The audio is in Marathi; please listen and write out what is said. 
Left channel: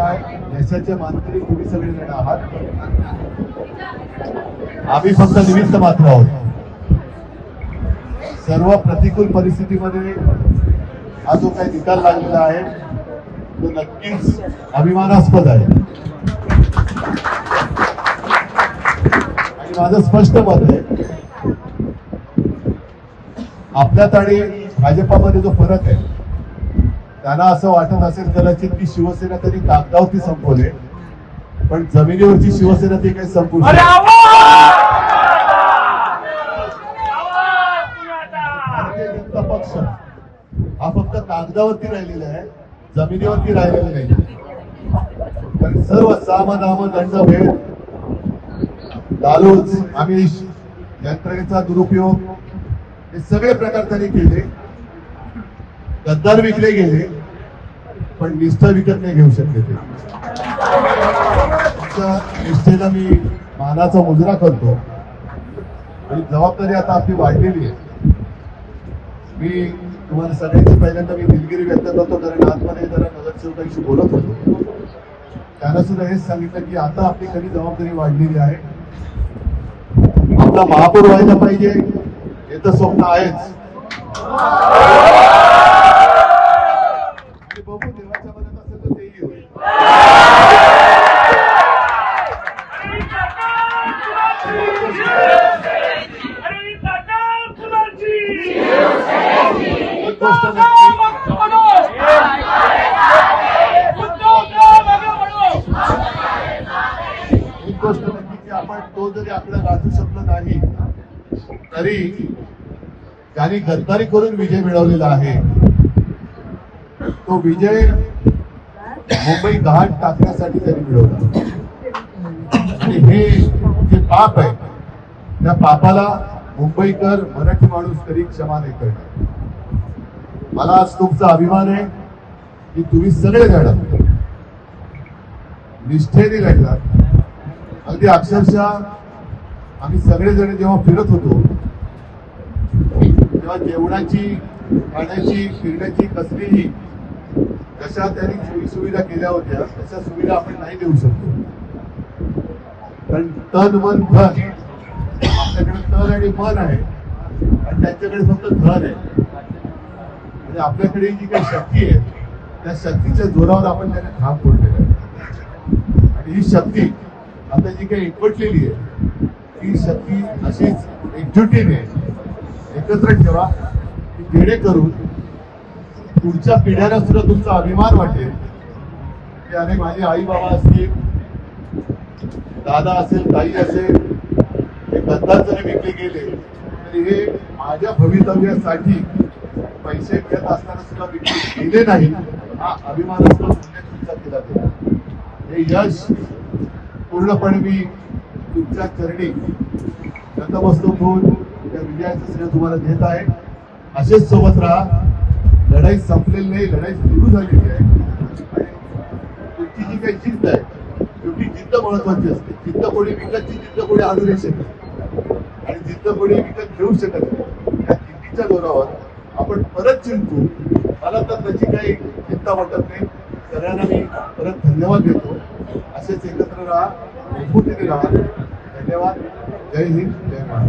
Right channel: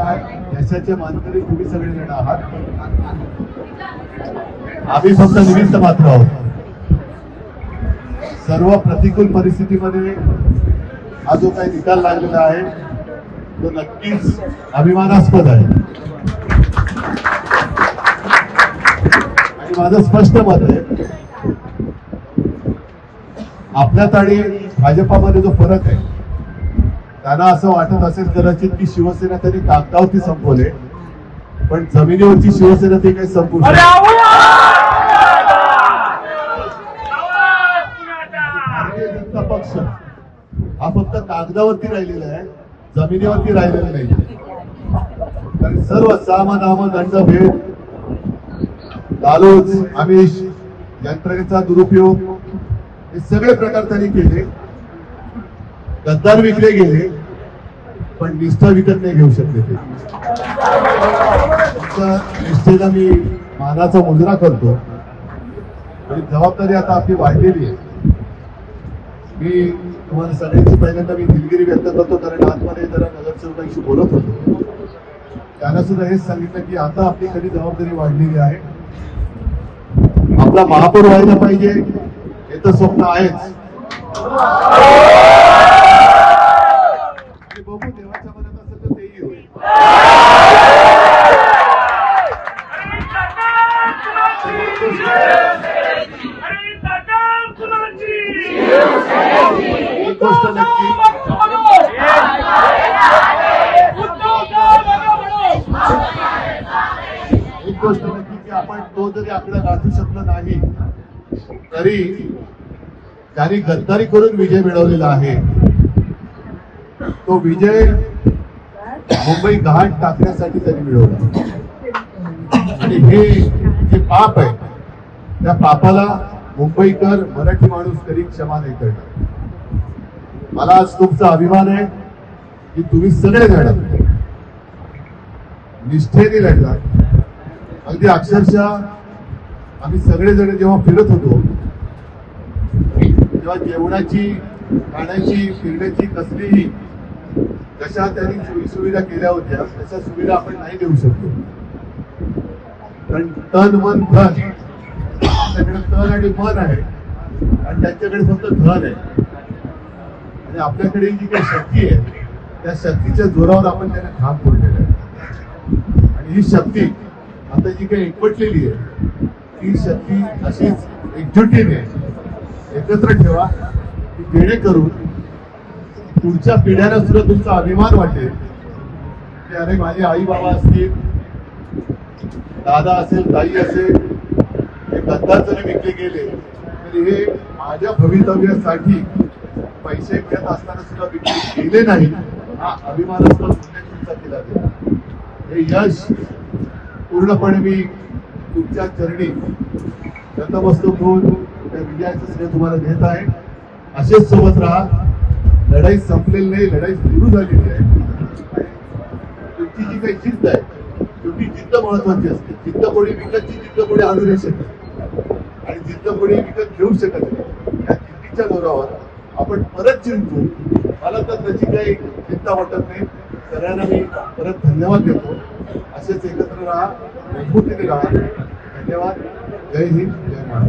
या यशाचे मानकरी तुम्ही सगळेजण आहात. आम्ही फक्त निमित्त मात्र आहोत. सर्व प्रतिकूल परिस्थितीमध्ये हा जो काही निकाल लागलेला आहे तो नक्कीच अभिमानास्पद आहे. आणि माझं स्पष्ट मत आहे, आपल्यात आणि भाजपामध्ये जो फरक आहे, त्यांना असं वाटत असेल कदाचित की शिवसेना तरी कागदावरती संपवले, पण जमिनीवरची शिवसेना ती काही संपू शकते. भारतीय जनता पक्ष हा फक्त कागदावरती राहिलेला आहे, जमिनीवरती राहिलेला नाही. कारण सर्व साम दाम दंड भेद, लालूच, आमिष, यंत्रणेचा दुरुपयोग हे सगळे प्रकार त्यांनी केले. गद्दार विकले गेले, पण निष्ठा विकत नाही घेऊ शकले. ते निष्ठेला मी मानाचा मुजरा करतो. जबाबदारी आता आपली वाढलेली आहे. मी तुम्हाला सगळ्यांची पहिल्यांदा मी दिलगिरी व्यक्त करतो, कारण आतमध्ये जरा नगरसेवकांशी बोलत होतो. त्यांना सुद्धा हेच सांगितलं की आता आपली खरी जबाबदारी वाढलेली आहे. आपला महापौर व्हायला पाहिजे हे तर स्वप्न आहेच. आणि बघू देवाच्या मनात असेल तर तेही होईल. एक गोष्ट नक्की, की आपण तो जरी आपल्याला गाठू शकलो नाही तरी त्यांनी गद्दारी करून विजय मिळवलेला आहे. तो विजय मुंबई गहाण टाकण्यासाठी त्यांनी मिळवला. आणि हे जे पाप आहे, त्या पापाला मुंबईकर, मराठी माणूस तरी क्षमा नाही करणार. मला आज तुमचा अभिमान आहे की तुम्ही सगळे जण निष्ठेने लढलात. अगदी अक्षरशः आम्ही सगळेजण जेव्हा फिरत होतो तेव्हा जेवणाची, खाण्याची, फिरण्याची कसलीही जशा त्यांनी सोयी सुविधा केल्या होत्या तशा सुविधा आपण नाही देऊ शकतो. कारण तन मन धन, आपल्याकडे तन आणि मन आहे आणि त्यांच्याकडे फक्त धन आहे. म्हणजे आपल्याकडे जी काही शक्ती आहे त्या शक्तीच्या जोरावर आपण त्यांना ठाम फोडलेलं आहे. आणि ही शक्ती आता जी काही एकवटलेली आहे ती शक्ती अशीच एकजुटीने एकत्र ठेवा की जेणेकरून पुढच्या पिढ्यांना सुद्धा तुमचा अभिमान वाटेल की अरे माझे आई बाबा असतील, दादा असेल, ताई असेल, हे गद्दार जरी विकले गेले तरी हे माझ्या भवितव्यासाठी पैसे घेत असताना सुद्धा विकले गेले नाही. हा अभिमानास्पद उल्लेख तुमचा केला गेला. हे यश पूर्णपणे मी तुमच्या चरणी नतमस्तक होऊन विजयाचं श्रेय तुम्हाला देत आहे. असेच सोबत राहा. लढाई संपलेली नाही, लढाई सुरू झालेली आहे. आणि तुमची जी काही जिद्द आहे, शेवटी जिद्द महत्वाची असते. जिद्द कोणी विकतची जिद्द कोणी आणू नाही शकत आणि जिद्द कोणी विकत घेऊ शकत नाही. या जिद्दीच्या जोरावर आपण परत जिंकू. मला तर त्याची काही चिंता वाटत नाही. सगळ्यांना मी परत धन्यवाद देतो. असेच एकत्र राहा, मजबूतीने राहा. धन्यवाद. जय हिंद, जय महाराष्ट्र.